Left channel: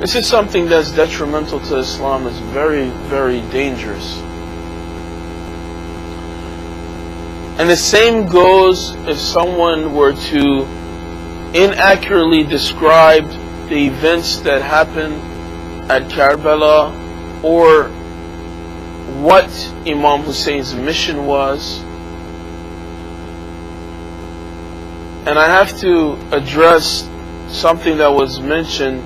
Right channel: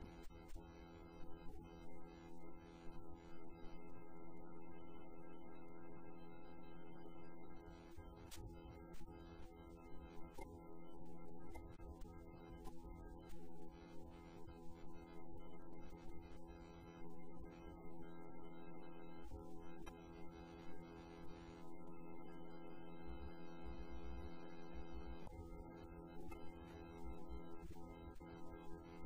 This is something that's detrimental to Islam. It's very, very dangerous. And the same goes if someone were to inaccurately describe the events that happened at Karbala, or what Imam Hussein's mission was. And I have to address something that was mentioned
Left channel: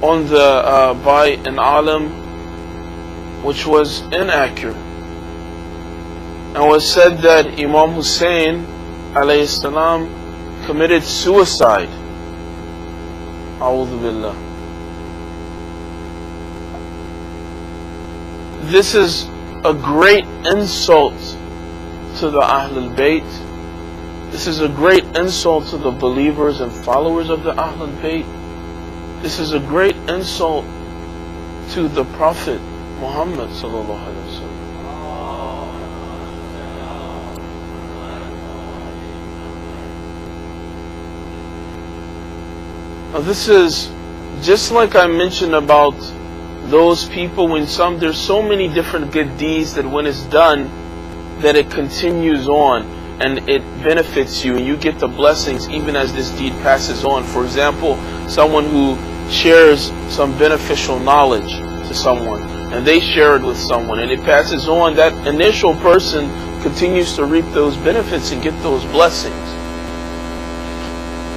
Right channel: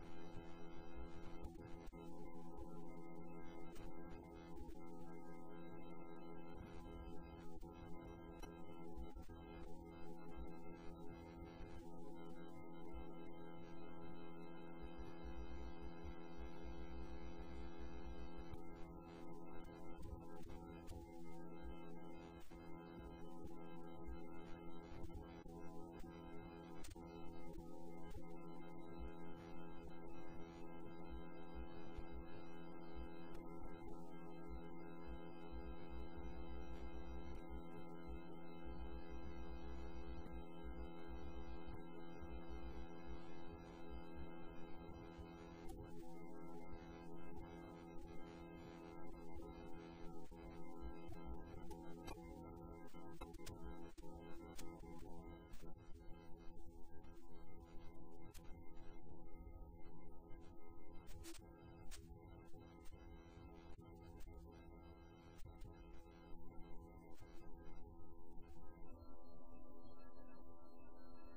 on the by an alim, which was inaccurate, and was said that Imam Hussein alayhi salam committed suicide. A'udhu billah. This is a great insult to the Ahlul Bayt. This is a great insult to the believers and followers of the Ahlul Bayt. This is a great insult to the Prophet Muhammad sallallahu alaihi wasallam. Now this is just like I mentioned about those people, when there's so many different good deeds that when it's done, that it continues on and it benefits you and you get the blessings even as this deed passes on. For example, someone who shares some beneficial knowledge to someone and they share it with someone and it passes on, that initial person continues to reap those benefits and get those blessings.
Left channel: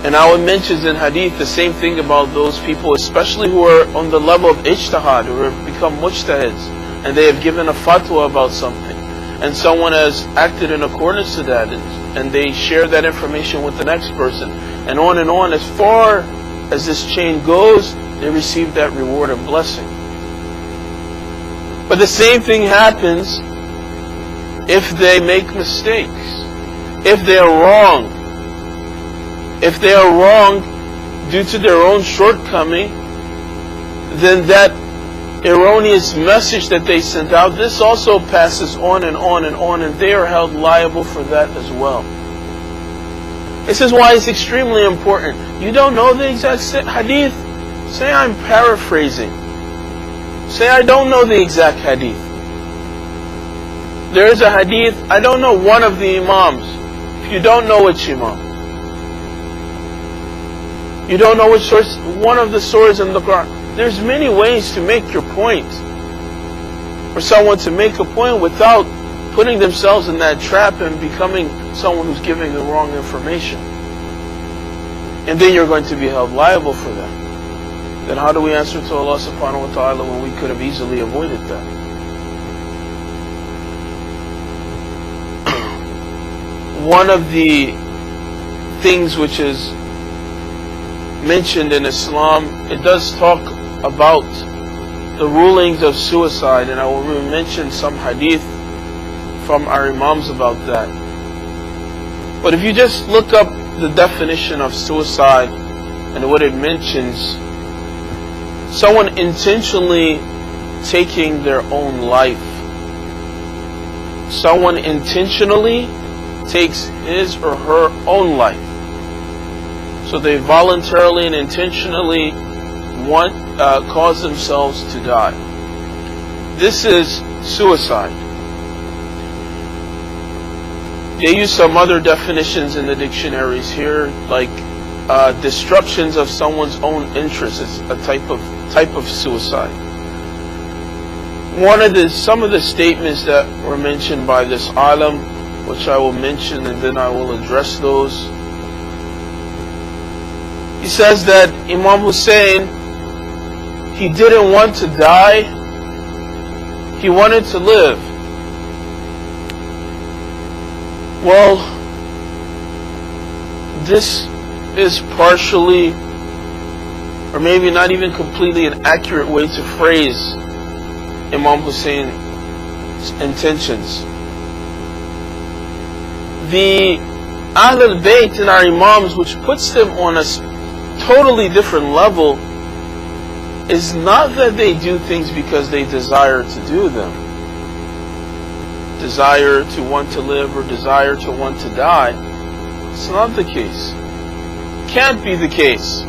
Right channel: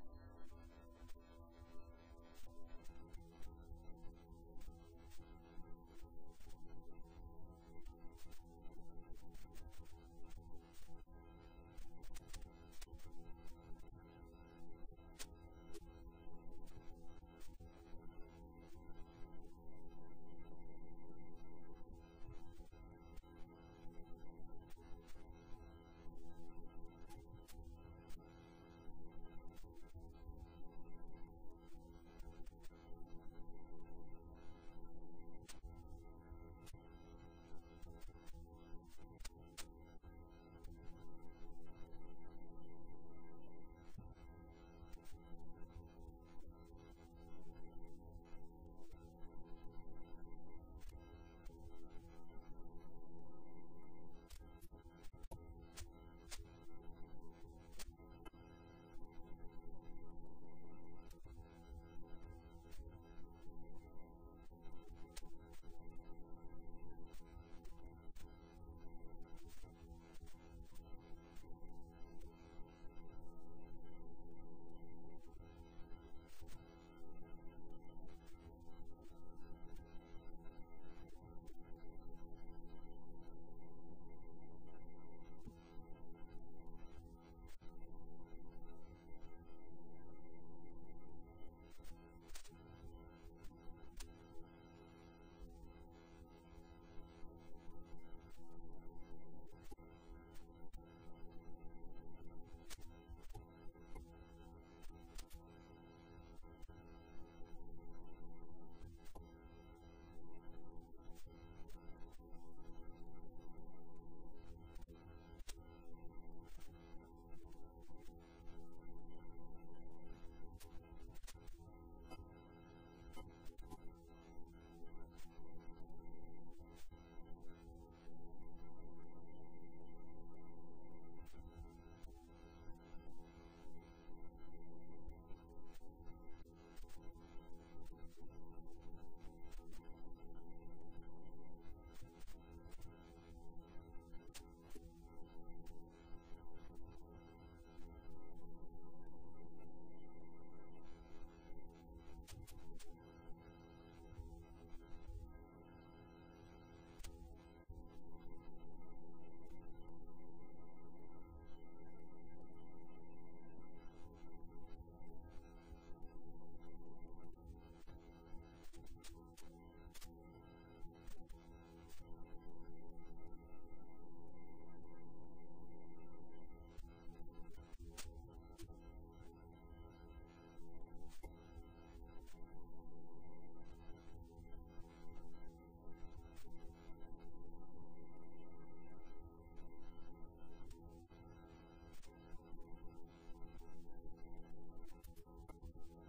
And I would mention in hadith the same thing about those people, especially who are on the level of ijtihad, who have become mujtahids, and they have given a fatwa about something, and someone has acted in accordance to that, and they share that information with the next person, and on, as far as this chain goes, they receive that reward and blessing. But the same thing happens if they make mistakes, if they are wrong. If they are wrong due to their own shortcoming, then that erroneous message that they sent out, this also passes on and on and on, and they are held liable for that as well. This is why it's extremely important. You don't know the exact hadith? Say I'm paraphrasing. Say I don't know the exact hadith. There is a hadith, I don't know one of the Imams. If you don't know which Imam, you don't know which source, one of the surahs in the Quran. There's many ways to make your point. For someone to make a point without putting themselves in that trap and becoming someone who's giving the wrong information. And then you're going to be held liable for that. Then how do we answer to Allah subhanahu wa ta'ala when we could have easily avoided that? One of the things which is mentioned in Islam, it does talk about the rulings of suicide, and I will mention some hadith from our Imams about that. But if you just look up the definition of suicide and what it mentions, someone intentionally taking their own life. Someone intentionally takes his or her own life. So they voluntarily and intentionally cause themselves to die. This is suicide. They use some other definitions in the dictionaries here, like destructions of someone's own interests is a type of suicide. Some of the statements that were mentioned by this alim, which I will mention and then I will address those. He says that Imam Hussein, he didn't want to die, he wanted to live. Well, this is partially, or maybe not even completely, an accurate way to phrase Imam Hussein's intentions. The Ahlul Bayt and our Imams, which puts them on a totally different level, is not that they do things because they desire to do them, desire to want to live or desire to want to die. It's not the case. Can't be the case.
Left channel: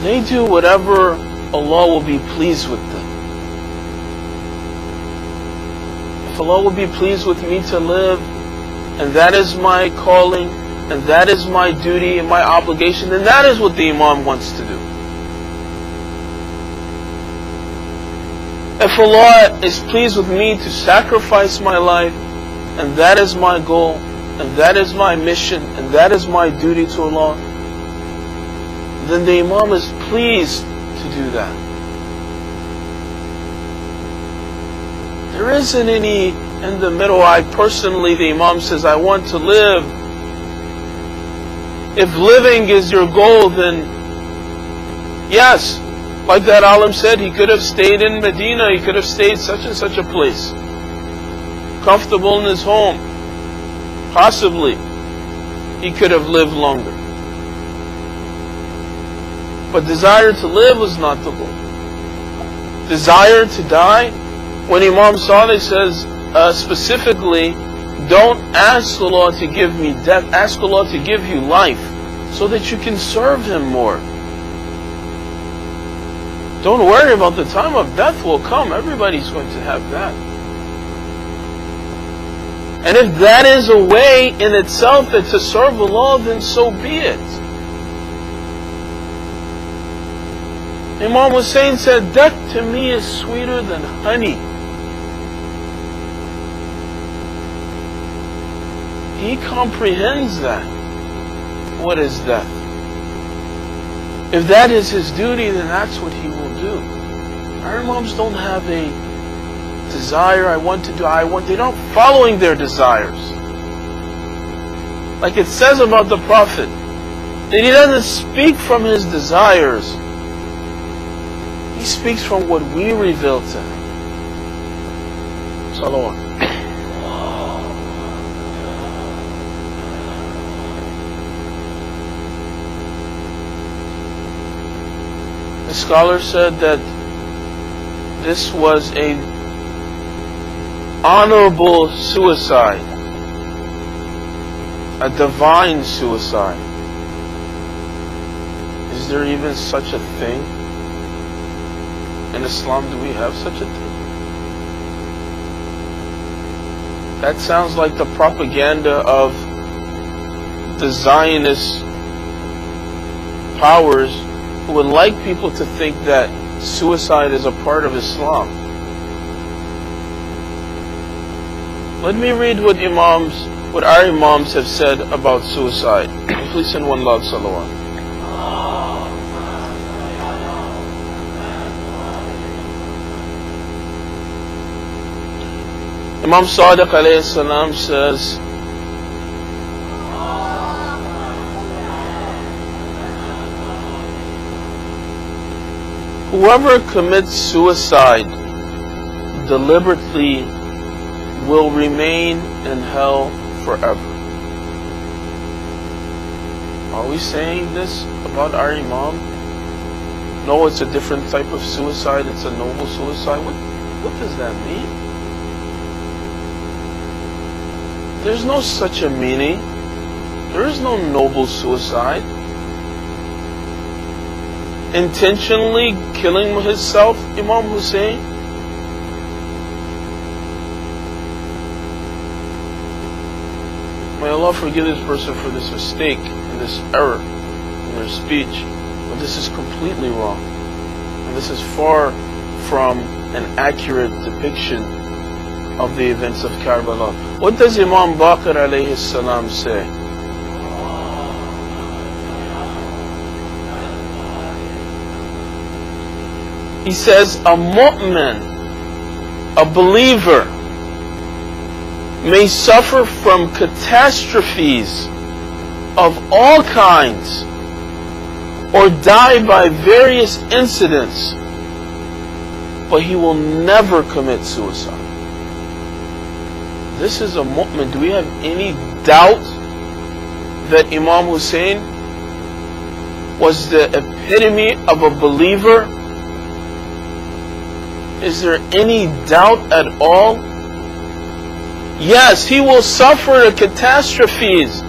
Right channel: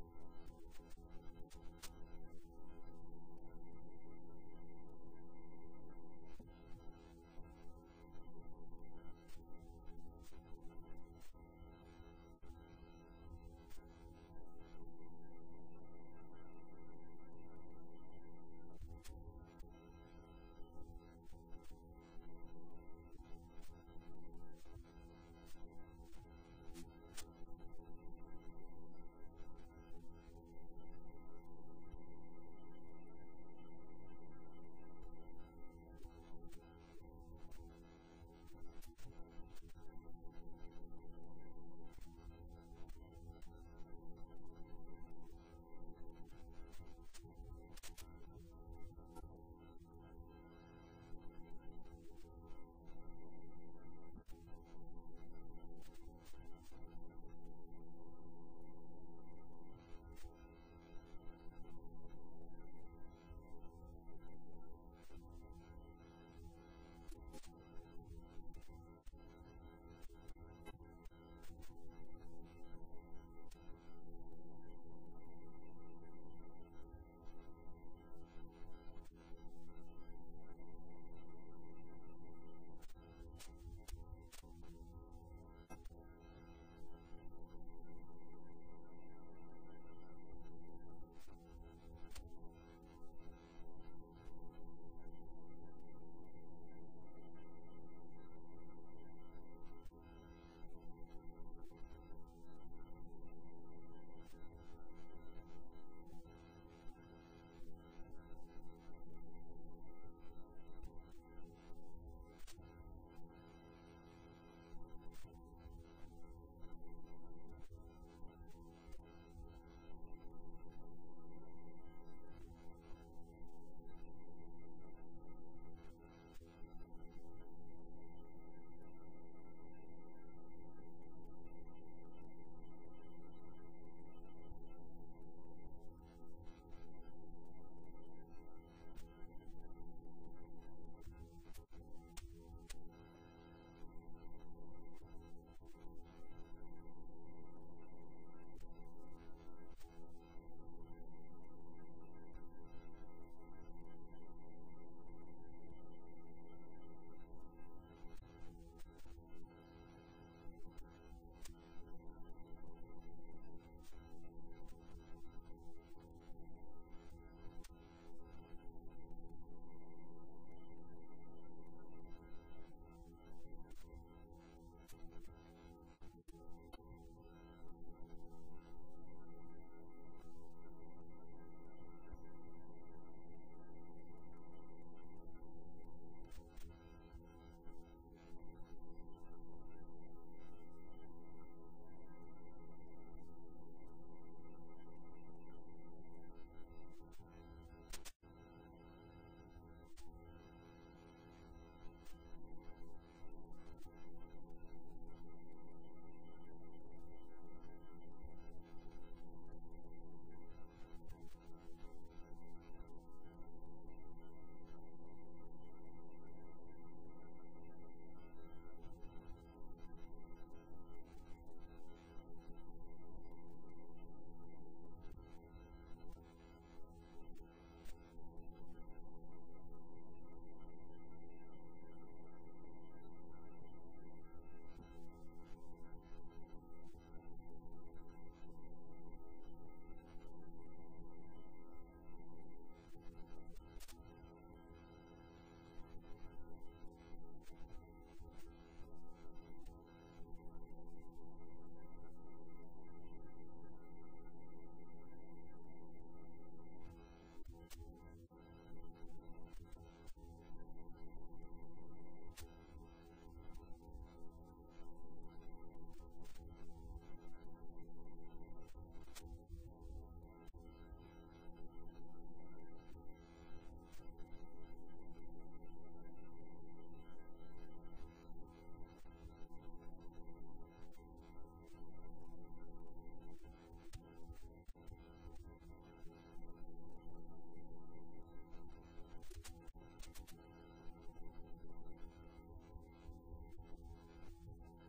they do whatever Allah will be pleased with them. If Allah will be pleased with me to live, and that is my calling, and that is my duty and my obligation, then that is what the Imam wants to do. If Allah is pleased with me to sacrifice my life, and that is my goal, and that is my mission, and that is my duty to Allah, then the Imam is pleased to do that. There isn't any in the middle. The Imam says, I want to live. If living is your goal, then yes, like that alim said, he could have stayed in Medina, he could have stayed such and such a place, comfortable in his home. Possibly, he could have lived longer. But desire to live was not the goal. Desire to die, when Imam Salih says specifically, don't ask Allah to give me death, ask Allah to give you life so that you can serve Him more. Don't worry about the time of death will come. Everybody's going to have that. And if that is a way in itself that to serve Allah, then so be it. Imam Hussein said, death to me is sweeter than honey. He comprehends that. What is death? If that is his duty, then that's what he will do. Our Imams don't have a desire, I want to do, they're not following their desires. Like it says about the Prophet, that he doesn't speak from his desires. He speaks from what we reveal to him. Salawat. The scholar said that this was a honorable suicide, a divine suicide. Is there even such a thing? In Islam, do we have such a thing? That sounds like the propaganda of the Zionist powers who would like people to think that suicide is a part of Islam. Let me read what our Imams have said about suicide. Please send one loud salawat. Imam Sadiq alayhi salam says, whoever commits suicide deliberately will remain in hell forever. Are we saying this about our Imam? No, it's a different type of suicide, it's a noble suicide. What does that mean? There's no such a meaning. There is no noble suicide. Intentionally killing himself, Imam Hussein? May Allah forgive this person for this mistake and this error in their speech. But this is completely wrong. And this is far from an accurate depiction of the events of Karbala. What does Imam Baqir alayhi salam say? He says, a mu'min, a believer, may suffer from catastrophes of all kinds or die by various incidents, but he will never commit suicide. This is a mu'min. Do we have any doubt that Imam Hussein was the epitome of a believer? Is there any doubt at all? Yes, he will suffer the catastrophes